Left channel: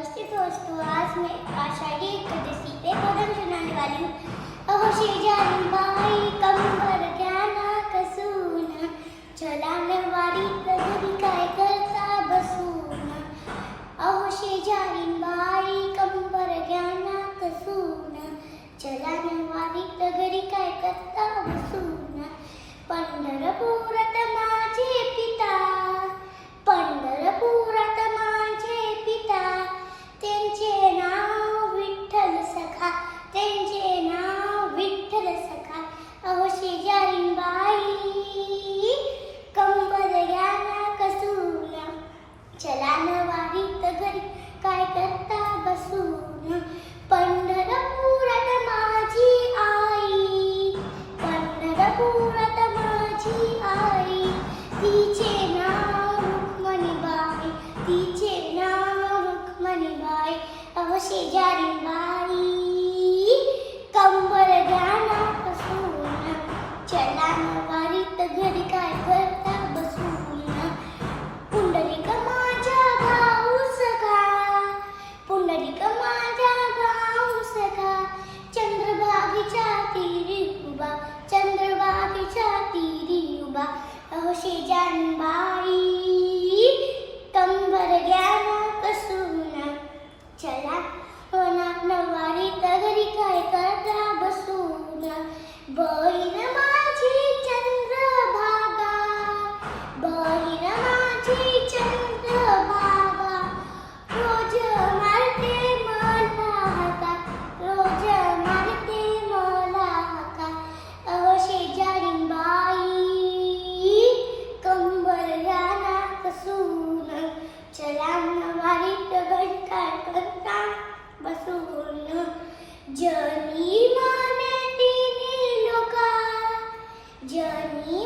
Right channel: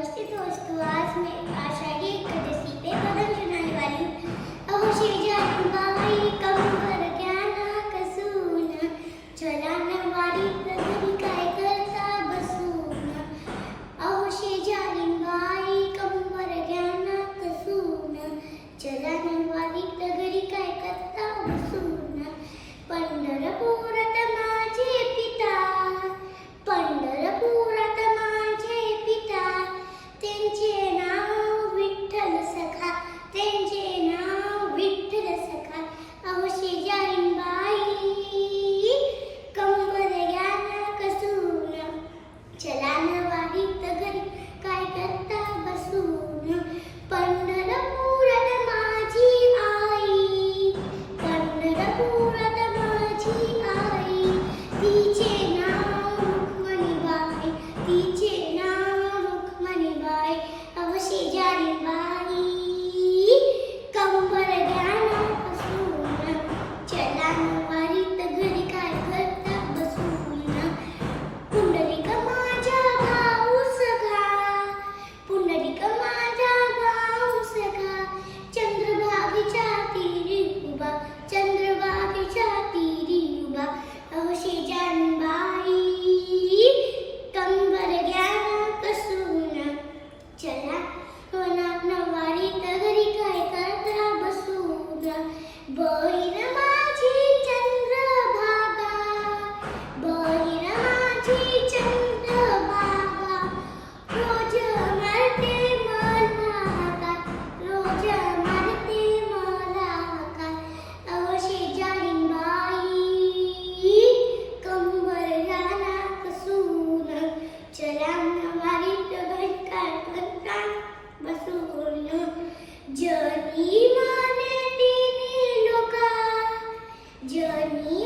व्यवस्थित दोस्तों, आज मैं आषाढ़ी एकादशी पे भजन सुनाने वाली हूँ। अहो शेजारी बाई कंबर ज्ञाना कसूना, चला नवारी तगरी काय करता बसूना। अहो शेजारी बाई कंबर ज्ञाना कसूना, चला नवारी तगरी काय करता बसूना। पंढरपुरात माझे पिता, पंढरपुरात माझे पिता, त्यांचे नाव विठ्ठल सखा, त्यांचे नाव विठ्ठल सखा। अहो शेजारी बाई कंबर ज्ञाना कसूना, चला नवारीत घरी काय करता बसून। पंढरपुरात माझी आई, पंढरपुरात माझी आई, तिचे नाव रुक्मिणीबाई, तिचे नाव रुक्मिणीबाई। अहो शेजारी बाई कंबर ज्ञाना कसूना, चला नवारीत घरी काय करता बसून। पुंडलिक माझा भाऊ सखा, पुंडलिक माझा भाऊ सखा, चंद्रभागेच्या तीरी उभा, चंद्रभागेच्या तीरी उभा। अहो शेजारी बाई कंबर ज्ञाना कसूना, चला नवारीत घरी काय करता बसूना। बहीण माझी चंद्रभागा, बहीण माझी चंद्रभागा, रोज मारते मला हाका, रोज मारते मला हाका। अहो शेजारी बाई कंबर ज्ञाना कसूना, चला नवारीत घरी काय करता बसून। जनी माने तिन्ही लोका, जनी